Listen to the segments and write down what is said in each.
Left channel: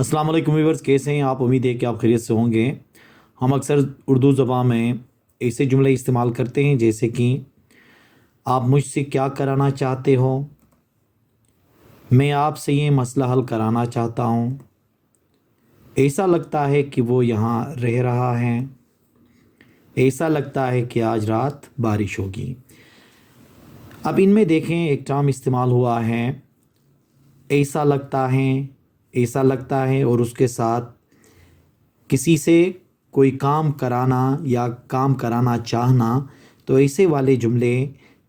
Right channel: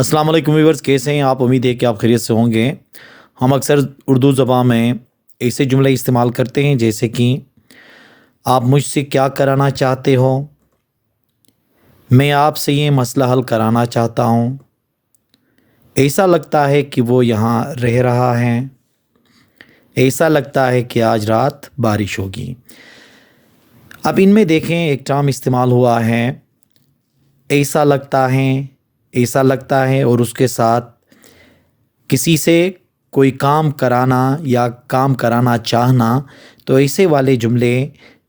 अस्सलाम वालेकुम व्यूअर्स, कैसे हैं आप? उम्मीद है कि आप खैरियत से होंगे। हम अक्सर उर्दू ज़बान में ऐसे जुमले इस्तेमाल करते हैं जैसे कि आप मुझसे क्या कराना चाहते हो, मैं आपसे ये मसला हल कराना चाहता हूँ, ऐसा लगता है कि वो यहाँ रह रहा है, ऐसा लगता है कि आज रात बारिश होगी। अब इनमें देखें एक टर्म इस्तेमाल हुआ है, ऐसा लगता है, ऐसा लगता है, और उसके साथ किसी से कोई काम कराना या काम कराना चाहना। तो ऐसे वाले जुमले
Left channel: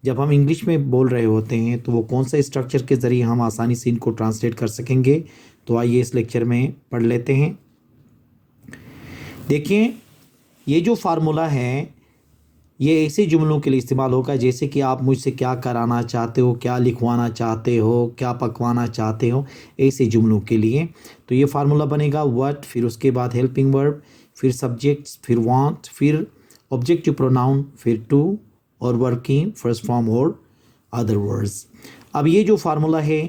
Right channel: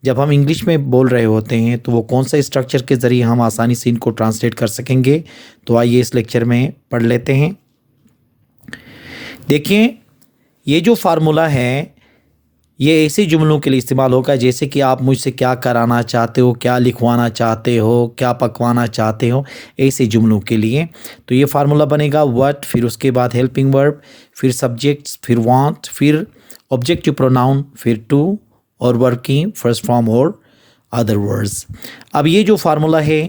जब हम इंग्लिश में बोल रहे होते हैं तो वो कौन सा स्ट्रक्चर के ज़रिए हम आसानी से इनको ट्रांसलेट कर सकेंगे, तो आइए इस लेक्चर में पढ़ लेते हैं। देखिए, ये जो फार्मूला है ये ऐसे जुमलों के लिए इस्तेमाल होगा जैसे कि आप मुझसे क्या कराना चाहते हो, क्या लिखवाना चाहते हो, क्या पकवाना चाहते हो, ऐसे जुमलों के लिए। तो ये फार्मूला बनेगा व्हाट, फिर उसके बाद हेल्पिंग वर्ब, फिर सब्जेक्ट्स, फिर वांट, फिर ऑब्जेक्टिव प्रोनाउन, फिर टू और वर्किंग फर्स्ट फॉर्म और अदर वर्ड्स। अब ये जो फार्मूला है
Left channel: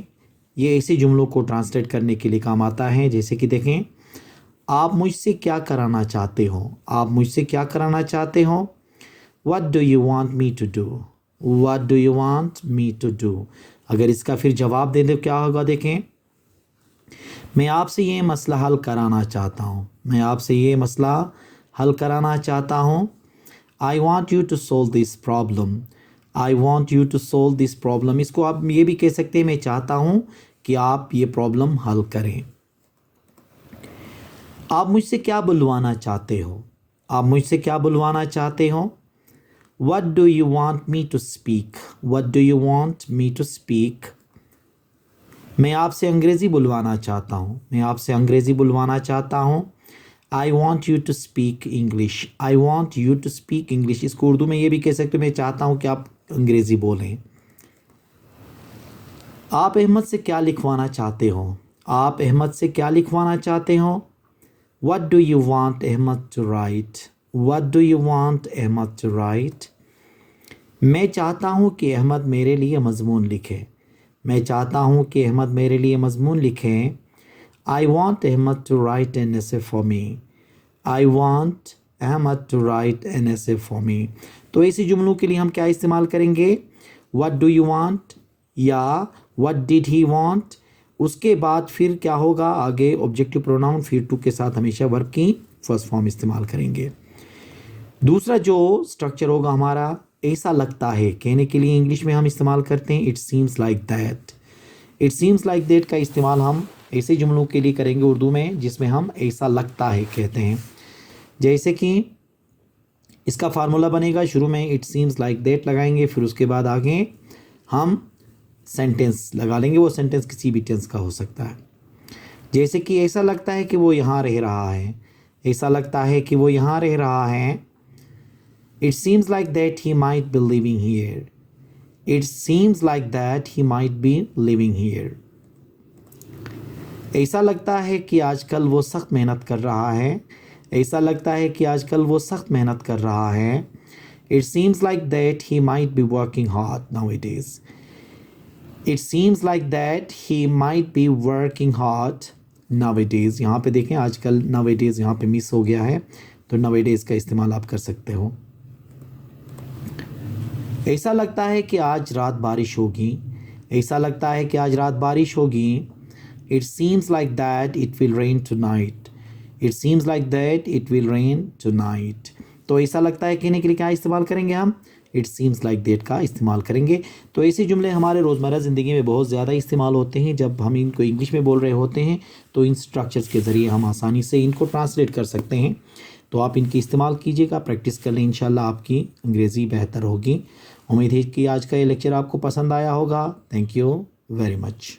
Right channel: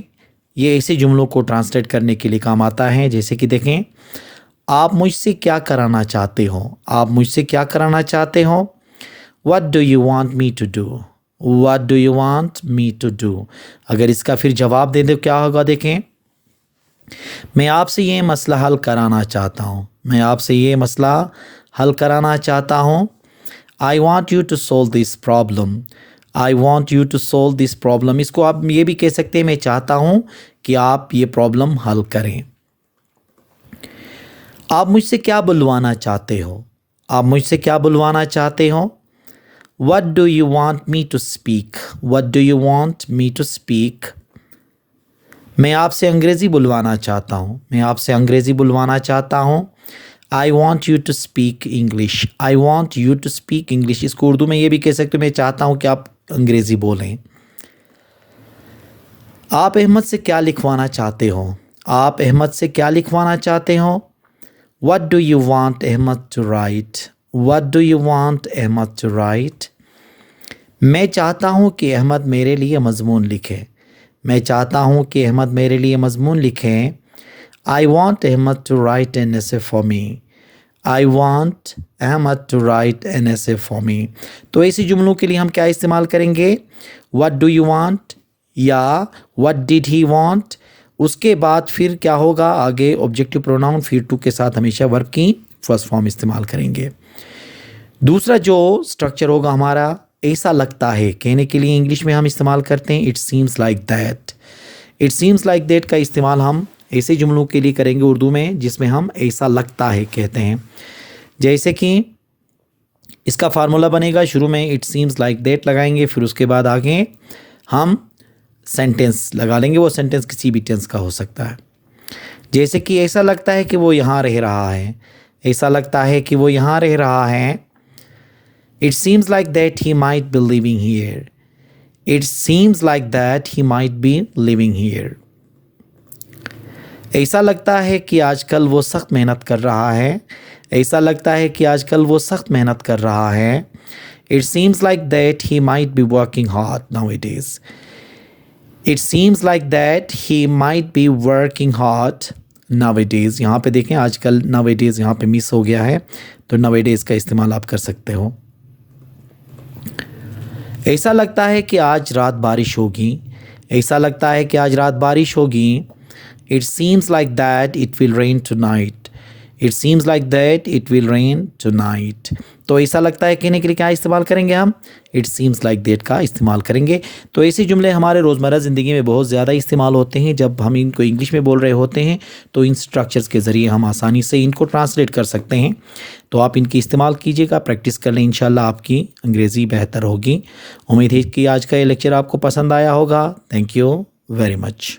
ये ऐसे जुमलों को ट्रांसलेट करने के लिए काम आता है। जैसे कि देखें, आप मुझसे क्या कराना चाहते हो, आप मुझसे क्या कराना चाहते हो। What do you want me to do? What do you want me to do? अगर इसका फिर जवाब दे दो क्या होगा, देखें, मैं आपसे ये मसला हल कराना चाहता हूँ, मैं आपसे ये मसला हल कराना चाहता हूँ। I want you to solve this problem. I want you to solve this problem. इसको आप ये भी कह सकते हैं, मैं चाहता हूँ कि आप ये प्रॉब्लम हल करें। आप मुझसे क्या बुलवाना चाहते हो, आप मुझसे क्या बुलवाना चाहते हो। What do you want me to speak? What do you want me to speak? मैं आपसे अंग्रेज़ी बुलवाना चाहता हूँ, मैं आपसे अंग्रेज़ी बुलवाना चाहता हूँ। I want you to speak English. I want you to speak English. इसको उर्दू में ये भी कह सकते हो, मैं चाहता हूँ कि आप अंग्रेज़ी बोलें। आप अहमद से क्या लिखवाना चाहते हो, आप अहमद से क्या लिखवाना चाहते हो। What do you want Ahmad to write? What do you want Ahmad to write? मैं चाहता हूँ कि अहमद मेरे लिए मज़मून लिखे, मैं चाहता हूँ कि अहमद मेरे लिए मज़मून लिखें। I want Ahmad to write an essay for me. I want Ahmad to write an essay for me. तो ऐसी जुमलों के लिए हम क्या इस्तेमाल करेंगे, What do you want या What did he want। उसके बाद फिर क्या होगा, आगे ऑब्जेक्टिव प्रोनाउन, फिर टू के साथ हमेशा वर्ब की फर्स्ट फॉर्म इस्तेमाल करेंगे। दूसरा जो स्ट्रक्चर होगा हमारा, ऐसा लगता है, कहने के लिए इंग्लिश में हम इस्तेमाल करते हैं it seems like that. It seems like that का इस्तेमाल हम ऐसे जुमलों के लिए करेंगे उर्दू में जिसमें हम ऐसा लगता है कहते हैं। जैसे कि इसका फार्मूला बनेगा, शुरू में इट सीम्स लाइक दैट लगाएंगे, फिर उसके बाद आगे हम सेंटेंस लगा लेंगे। वो सेंटेंस किसी भी टेंस का हो सकता है। जैसे कि ऐसा लगता है कि वो यहाँ रह रहा है, ऐसा लगता है कि वो यहाँ रह रहा है। It seems like that he might be living here. It seems like that he might be living here. ऐसा लगता है कि आजकल वो सख्त मेहनत कर रहा है, ऐसा लगता है कि आजकल वो सख्त मेहनत कर रहा है। It seems like that he might be working hard nowadays. It seems like that he might be working hard nowadays. यहाँ पे देखें, आजकल nowadays यहाँ पे मिस हो गया है, तो nowadays का इस्तेमाल आप कर सकते हो। ऐसा लगता है कि आज रात बारिश होगी, ऐसा लगता है कि आज रात बारिश होगी। It seems like that it will rain tonight. It seems like that it will rain tonight. तो ऐसा लगता है कहने के लिए क्या इस्तेमाल करेंगे हम, It seems like that का इस्तेमाल करेंगे। तो ऐसे जुमले हमारे रोज़मर्रा ज़िंदगी में बहुत ज़्यादा इस्तेमाल होते हैं। जब हम इनको इंग्लिश में बोल रहे होते हैं तो इन स्ट्रक्चर्स के ज़रिए हम आसानी से इनको ट्रांसलेट कर सकते हैं। तो आप इनकी इस्तेमाल कीजिएगा, प्रैक्टिस कर लें, इंशाल्लाह आपकी अंग्रेज़ी बेहतर होगी। उम्मीद है कि आज का ये लेक्चर आपको पसंद आया होगा। Thank you very much.